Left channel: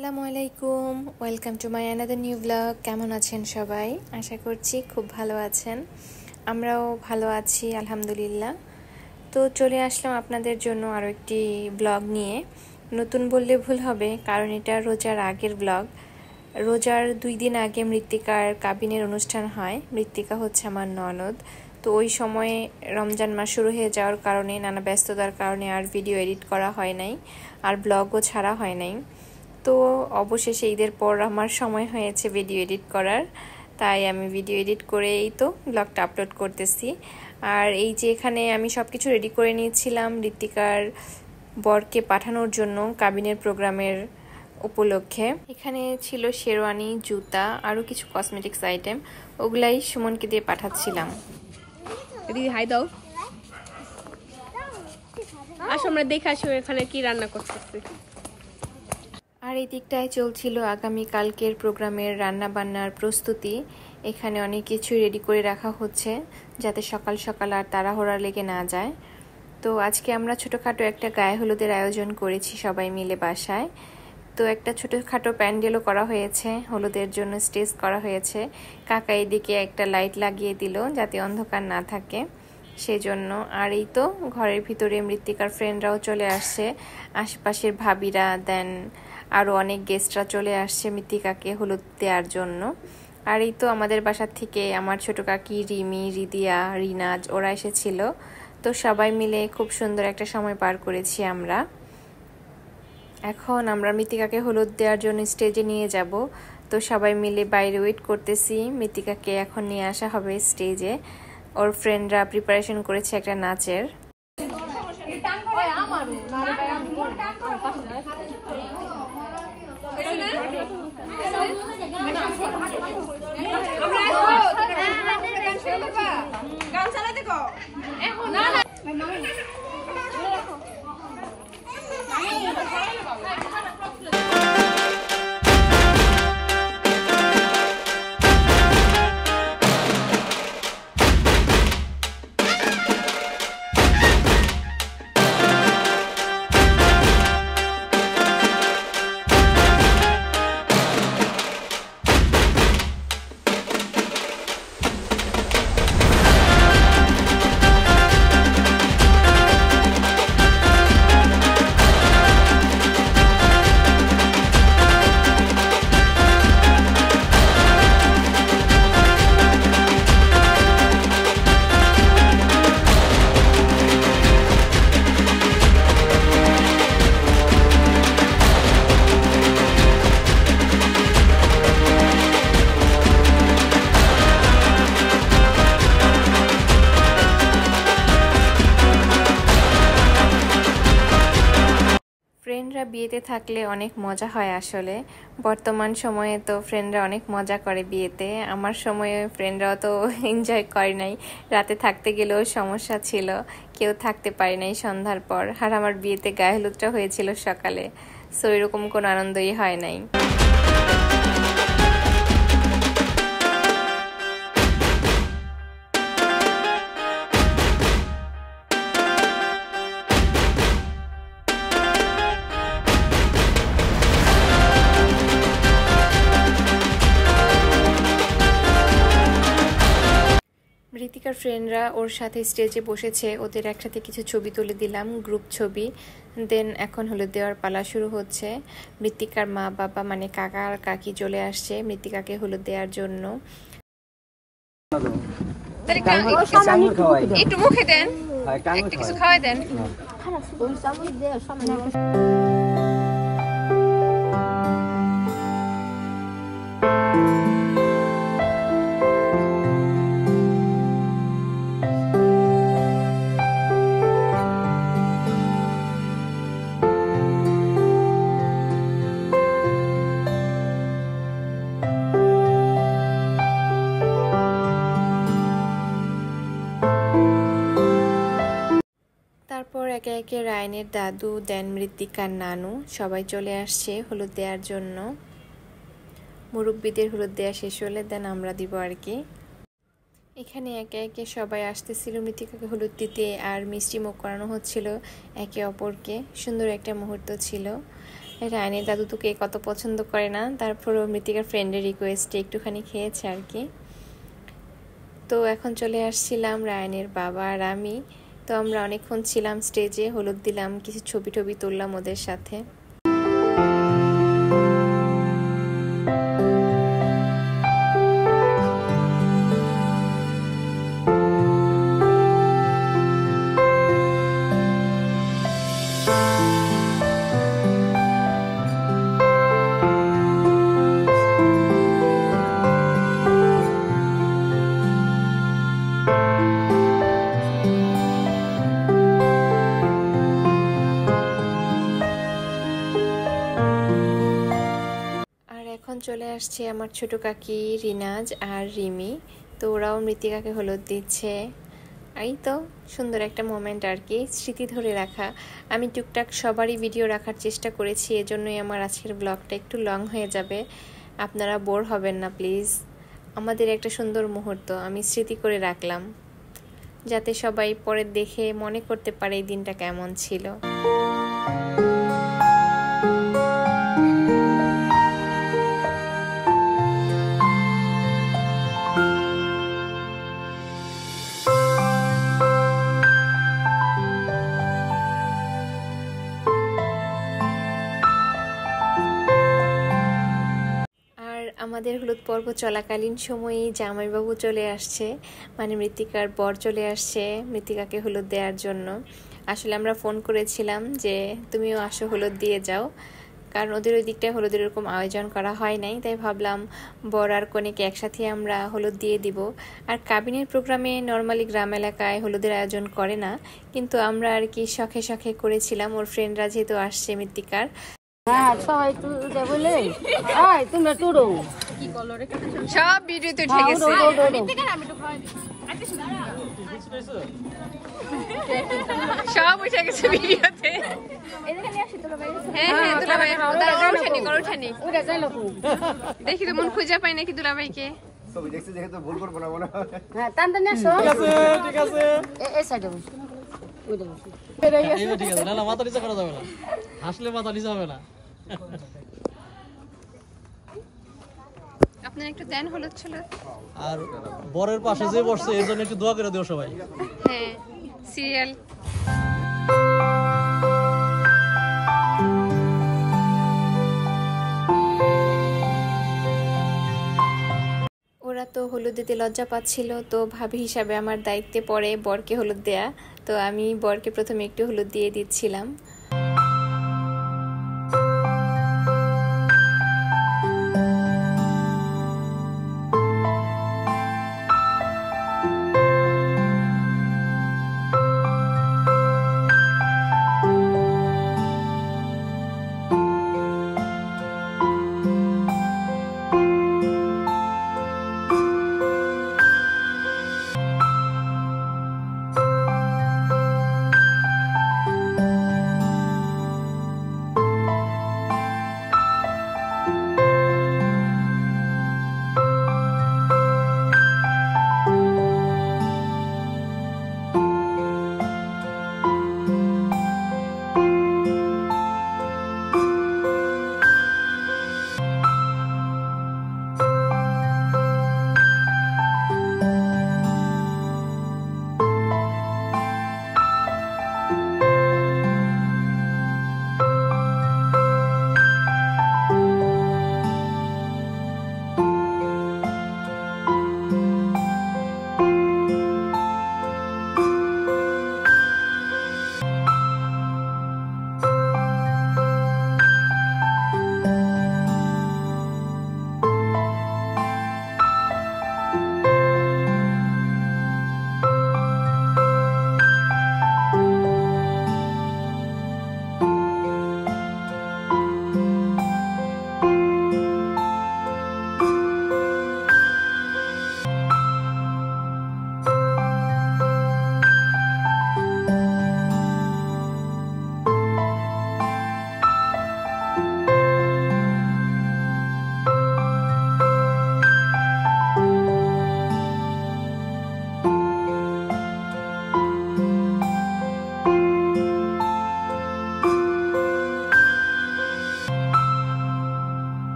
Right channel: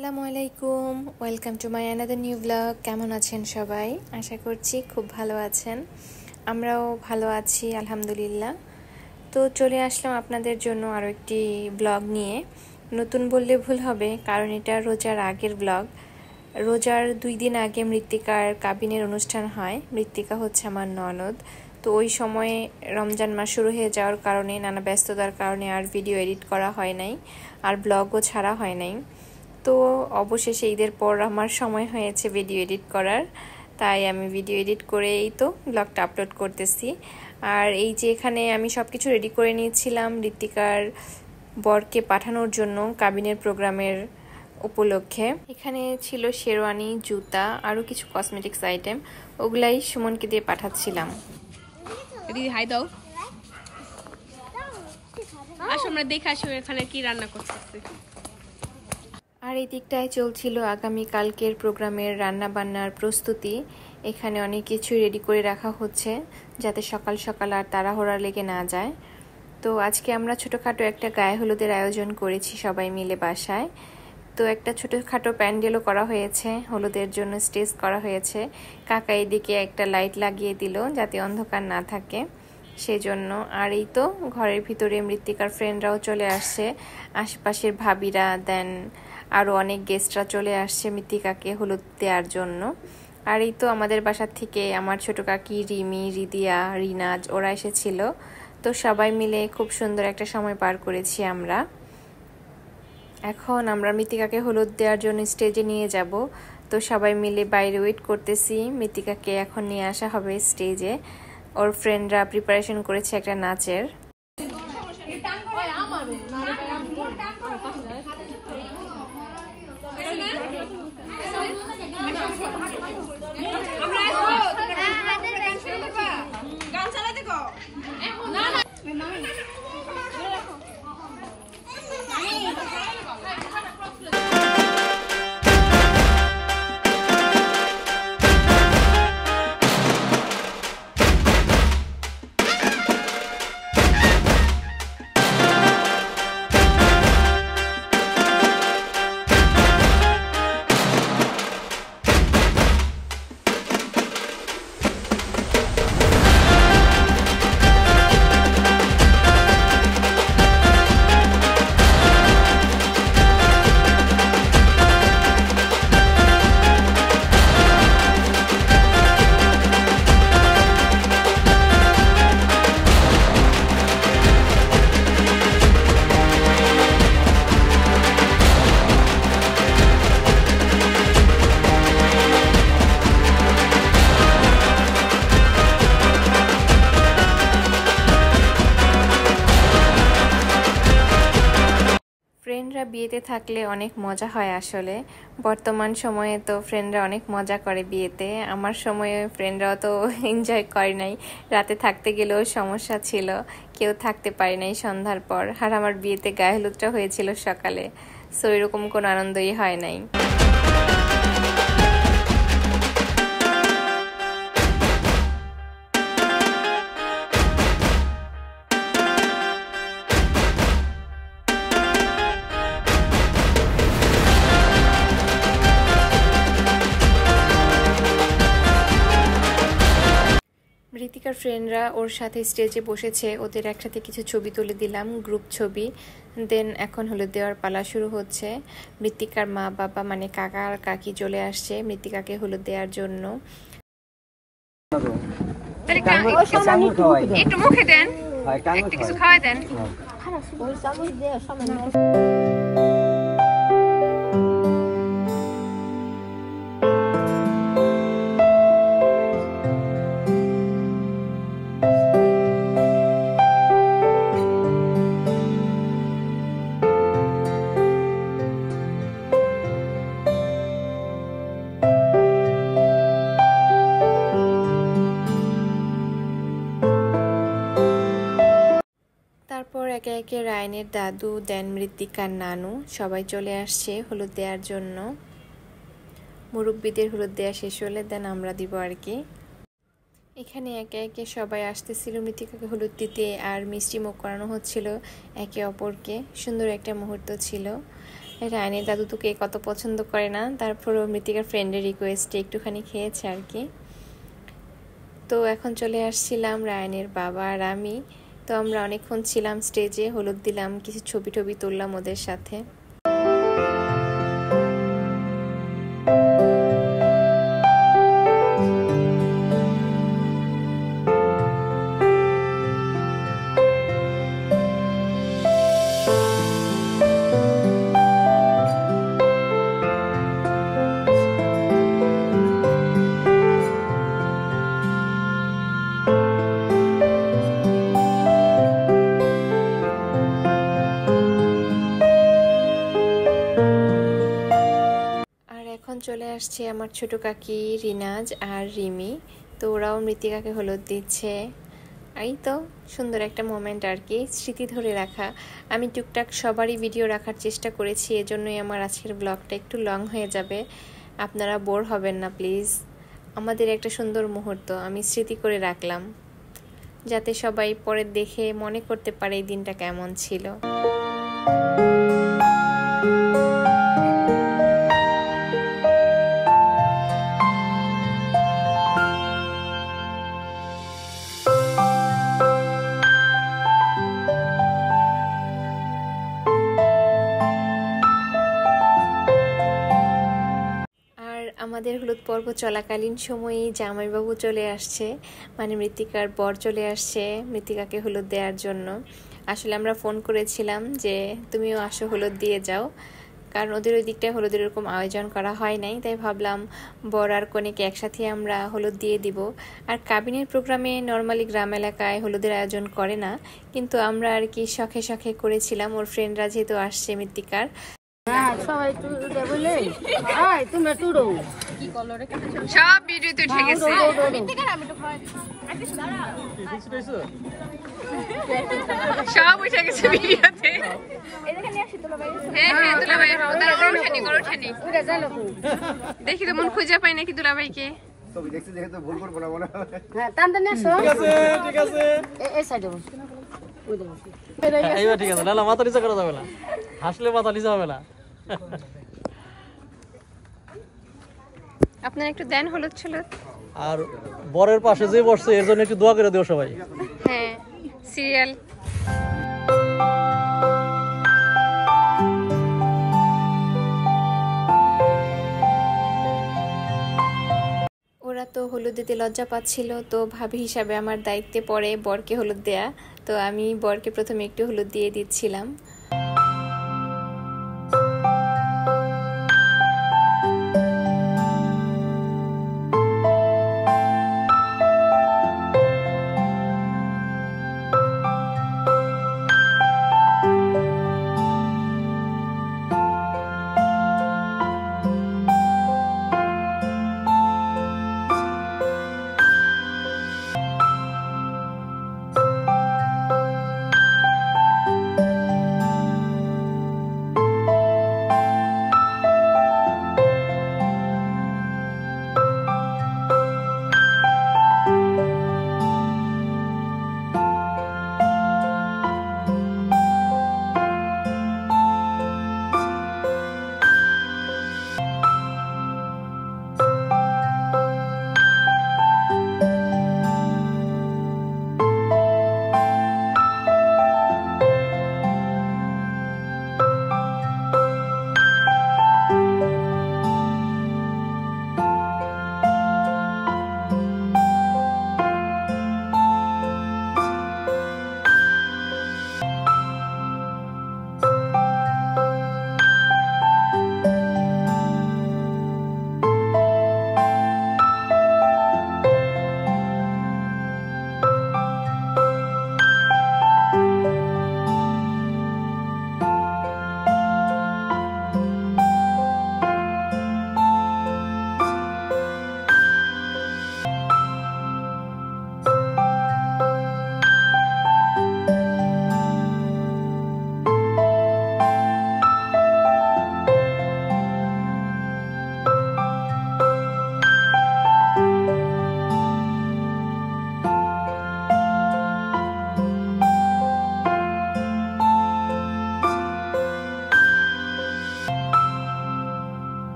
আসসালামু আলাইকুম, welcome to my another new blog. কেমন আছেন সবাই? আশা করছি খুব ভালো আছেন। আমরাও ভালো আছি আলহামদুলিল্লাহ। তো চলে আসলাম আপনাদের জন্য আরও একটি ব্লগ নিয়ে। নতুন বললে ভুল হবে, কারণ এটা রোজার আগের ব্লগ। রোজার 2 দিন আগে মৃত্তিকার কাবিনের অনুষ্ঠান হয়। মৃত্তিকা হচ্ছে আমার ননদ। তো ওই সময়ে রমজান মাস শুরু হয়ে যাওয়ার কারণে, নানা ব্যস্ততার কারণে আর ভিডিও এডিট করা হয় নাই, আর ব্লগও ছাড়া হয় নাই। তো অবশেষে ঈদের পর আমার সময় হয়েছে ভিডিও এডিট করার, তাই আমি ভিডিও এডিট করেই তো ব্লগটা আপলোড করতেছি। আর এই যে এখানে আমি সব কিছু রেডি করে নিয়েছিলাম মৃত্তিকার বরকে পাঠানোর জন্য কাবিনের প্রোগ্রামের উপলক্ষে। এখানে ছিল শেরওয়ানি, জুতা, আরও কিছু কসমেটিক্স আইটেম। ওগুলাই সুমনকে দিয়ে পাঠাচ্ছিলাম। দিদি হাই দাও। আসো আমরা দেখে আসো এখানে কি রান্না করতেছি। আর এই দিকটায় চলছিল আগামীকালকের প্রোগ্রামের রান্না বান্নার প্রস্তুতি। এখানে অনেক কিছু রেডি করে রাখা হচ্ছে, যাতে সকাল সকাল আর তাড়াহুড়া লেগে না যায়। তো আজকে আমরা ছোটোখাটো একটা গায়ে হলুদের আয়োজন করেছি সবাই মিলে বাসায়। তো একটা ছোটোখাটো প্যান্ডেলও করা হয়েছে, হলুদের জন্য স্টেজ করা হয়েছে। কাকা এদিকে একটা লাইট লাগিয়ে দিল যাতে অন্ধকার না থাকে, সেজন্য। আর এই তো ঘরের ভিতরে মৃত্তিকার ফ্রেন্ডরাও চলে আসছে, আশেপাশের ভাবিরা, দেন আরও অনেক গেস্টরা চলে আসছে মৃত্তিকাকে হলুদ দেওয়ার জন্য। আর এই তো আমাদের বাসার থেকে আমার ছোটো কাকি রিমি, রিদিয়া, রিনাজ ওরা এসেছিল। তো সবাই মিলে খুব সুন্দর একটা সময় পার করেছি আমরা। এখন আমরা মৃত্তিকাকে হলুদ দেওয়ার জন্য স্টেজে নিয়ে যাব। তো সবাই মিলে বাইরে ওয়েট করতেছি, মৃত্তিকাকে এখন নিয়ে আসা হবে স্টেজে। ওর ফ্রেন্ডরা প্রিপারেশন করেছে একটা নাচের। ফ্রেন্ডরা বিয়েতে থাকলে অনেক মজা হয় আসলে। বর্তমান সময়ে তো ফ্রেন্ডরা অনেক মজা করে বিয়েতে। আমার সময়ে ফ্রেন্ডরাও তো এনজয় করে নাই, রাতে থাকতে গেলেও সমস্যা ছিল, কেউ থাকতে পারে নাই সন্ধ্যার পর। আর আমার বিয়েতে গায়ে হলুদটা হয়েছিল সকালে, সো এরকম কোনো আনন্দই হয় নাই। মৃত্তিকার ফ্রেন্ডরা ওর সাথে স্টেজে বসেছে, ওদের একসাথে কিছু ছবি তুলে দিলাম, গ্রুপ ছবি। দেন এখন হলুদ দেওয়ার পালা শুরু হচ্ছে। মৃত্তিকার মা বাবা মানে কাকা আর কাকি চলে আসছে মৃত্তিকাকে হলুদ দেওয়ার জন্য। একটু মুখে দেন, একটু কিছু খাওয়াই দেন। তারপর একে একে রায়নের দাদু, দেন মৃত্তিকার নানু সবাই চলে আসছে হলুদ দেওয়ার জন্য। মুরব্বীদের হলুদ দেওয়া শেষ হলে দেন আমরা দিব আর কি। এখানে একে একে সবাই আসতেছিল মৃত্তিকাকে হলুদ দিতে, আর মিষ্টি মুখ করানো হচ্ছিল একে অপরকে। সুন্দর একটা মুহূর্ত ছিল। রায়ানের দাদু তো কেক কত পছন্দ করে না, তারপরও মৃত্তিকার ফ্রেন্ডের রিকোয়েস্টে একটুখানি খেয়েছে আর কি। তো এখন চলে আসছিলাম রায়ানের বাবা আর আমি। তো আমরা অনেকক্ষণ ছিলাম স্টেজে, হলুদ দিলাম, কিছু ছবি টবি তুললাম ওদের সাথে। এখন চলে আসছে আমার ছোট কাকি রিনাজ আর রিমি। তো ওরাও মৃত্তিকাকে হলুদ দিচ্ছে। এই তো সুন্দর একটা মোমেন্ট আর কি, স্মৃতি ধরে রাখা। আমি টুকটাক সবারই ভিডিও রাখার চেষ্টা করেছি, এজন্যই আমার আজকের ব্লগটা একটু লং হয়ে যাবে। আপনারা বোর হবেন না প্লিজ। আমাদের একটা সুন্দর মুহূর্ত আমি স্মৃতি করে রাখলাম, যাতে সবাই পরে দেখে মনে করতে পারে এই দিনটা কেমন ছিল। আমাদের হলুদ পর্ব চলাকালীন সময়েই জামাইবাবু চলে আসছে, মানে মৃত্তিকার বর চলে আসছে মৃত্তিকাকে হলুদ দেওয়ার জন্য। আসলে আমরা ফোন করেছিলাম যে তুমিও আসো হলুদ দিয়ে যাও, কারণ ওদের ওই দিকটায় হলুদের এরকম আয়োজন করা হয় নাই, তাই ভাবলাম বর আর কনেকে একসাথে আমরা হলুদ দিয়ে দিব। আর কাবিনের প্রোগ্রামে নর্মালি গ্রাম এলাকায় হলুদের আয়োজন করে না, কিন্তু আমরা আর কি শখে শখে করেছিলাম, ওর ফ্রেন্ডরা যেহেতু আসছে মৃত্তিকার। সব ভিডিওতে উঠে গেছে। সব উঠে গেছে ভিডিওতে। দেখি তো মন খুঁজে পাই নাকি দুলাভাইকে। আপনারা একটু দেন হলুদ ছলুদ। আর বরের পাশে যে বসছে এর জন্য একটু দোয়া করে দিও সবাই। হ্যাঁ, সিরিয়াল। ওরা তো হলুদ দিতে লজ্জা পাচ্ছিল, তো ভাবি হিসাবে আমার দায়িত্বে পড়ে বরকে হলুদ দেয়া। তো আমি বরকে প্রথমে একটু হলুদ দিয়ে দিচ্ছিলাম।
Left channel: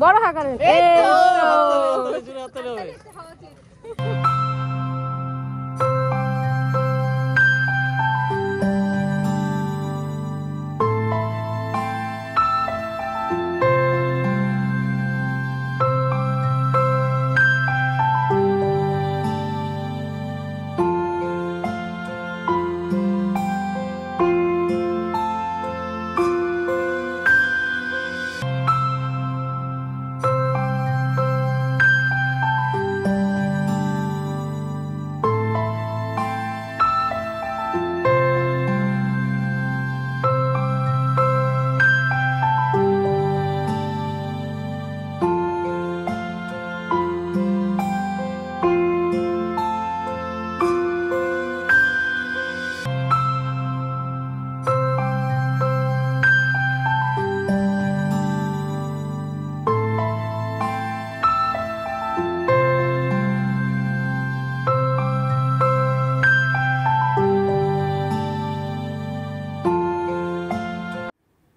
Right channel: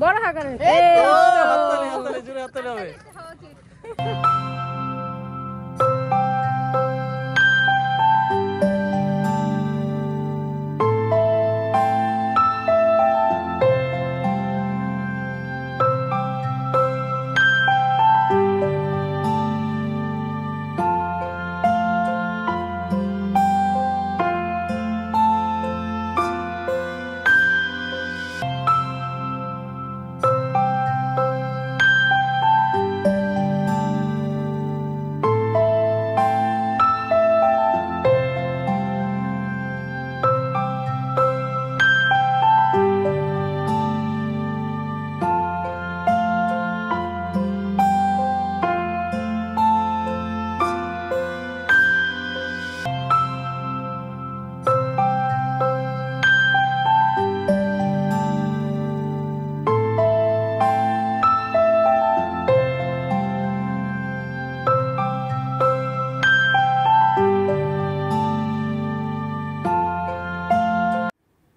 বড় হাগারেন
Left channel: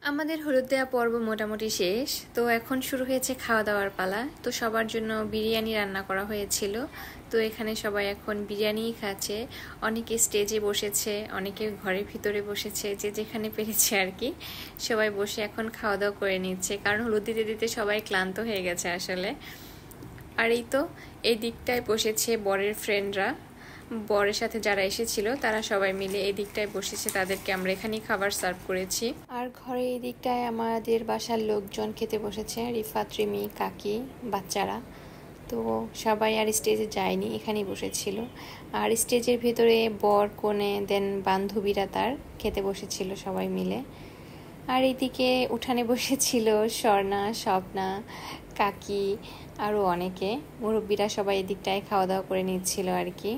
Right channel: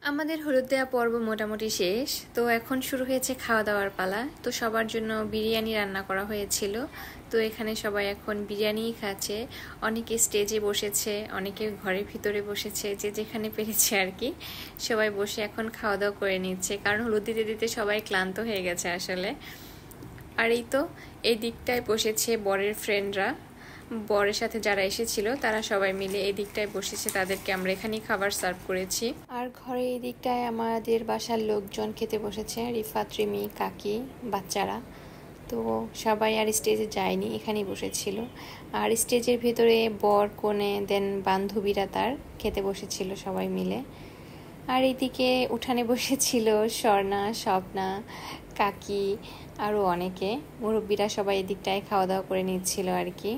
আমাদের হলুদ দেওয়া পর্ব মোটামুটি শেষ। তো এখন শুরু হয়েছে খাওয়া দাওয়ার পালা। তো সবার জন্য বিরিয়ানি রান্না করা হয়েছিল। তো এখানে সবাই এখন বিরিয়ানিই খাচ্ছে। অনেকে স্টেজে বসেছে, অনেকে ঘরের ভিতরে বসেছে, যে যেখানে পেরেছে আর কি। সবাই বসে এখন খাওয়া দাওয়া করে নিচ্ছে, কারণ হলুদ দিতে দিতে সবাই ক্লান্ত হয়ে গেছে আসলে। আর এই তো এই দিকটায় বসেছে বরের ফ্রেন্ডরা, বরের সাথে যারা এসেছিল তারা সবাই মিলে এই দিকটায় বসেছে, তাদেরকে আমরা এখানেই খাবার সার্ভ করেছি। আর ঘরে এই দিকটায় আমাদের বাসার লোকজন খেতে বসেছে, রিফাত, রিমি, কাকি, বাচ্চারা। তো সবাই আর স্টেজে যায়নি, এখানেই বসেছিল। আর স্টেজের ভেতরে বর, কনে, দেন বান্ধবীরা তার খেতে বসেছিল সবাই মিলে। আর এইদিকে উঠানে বসেছিল স্বর্ণা, স্বপ্না, কাকি, আরও অনেকে। মুরব্বীরা সবাই এদিকটায় খাওয়া দাওয়া করে নিচ্ছিল আর কি।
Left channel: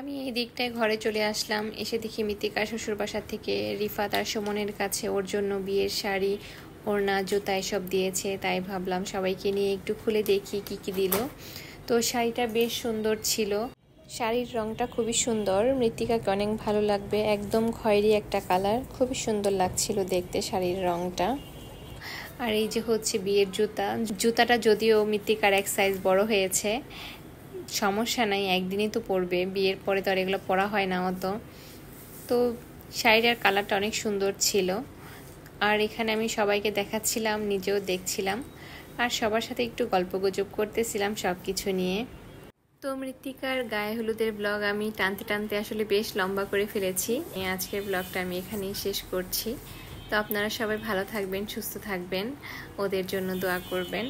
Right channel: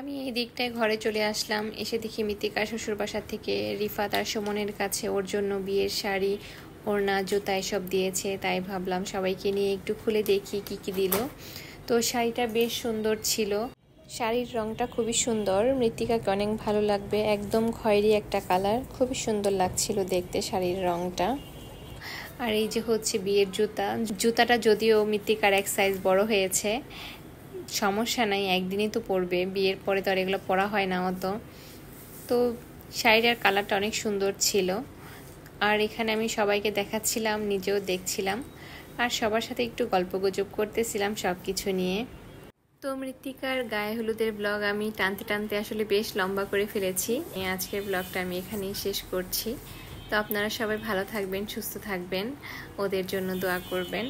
আমি এই দিকটায় ঘরে চলে আসলাম, এসে দেখি মৃত্তিকা শ্বশুর বাসা থেকে রিফাত আর সুমনের কাছে ওর জন্য বিয়ের শাড়ি, ওড়না, জুতা এসব দিয়েছে। তাই ভাবলাম সবাইকে নিয়ে একটু খুলে দেখি কি কি দিল। তো শাড়িটা বেশ সুন্দর ছিল, শাড়ির রংটা খুবই সুন্দর, মৃত্তিকাকে অনেক ভালো লাগবে। একদম খয়েরি একটা কালার, খুবই সুন্দর লাগছিল দেখতে শাড়ির রংটা। আর এই যে হচ্ছে বিয়ের জুতা, জুতাটা যদিও মৃত্তিকার এক সাইজ বড় হয়েছে, সমস্যা নাই, একদিনই তো পরবে, বিয়ের পরে তো আর এগুলো পরা হয় না অত। তো শাড়িটার কালারটা অনেক সুন্দর ছিল। আর এখানে আমি সবাইকে দেখাচ্ছিলাম, নিজেও দেখছিলাম, আর সবার সাথে একটু গল্পগুজব করতেছিলাম সব কিছু নিয়ে। তো মৃত্তিকার গায়ে হলুদের ব্লগ আমি টানতে টানতে আসলে বেশ লম্বা করে ফেলেছি। আজকের ব্লগটা আমি এখানেই শেষ করছি। তো আপনারা সবাই ভালো থাকবেন, সুস্থ থাকবেন, ওদের জন্য দোয়া করবেন।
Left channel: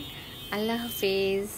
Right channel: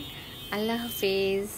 আল্লাহ হাফেজ।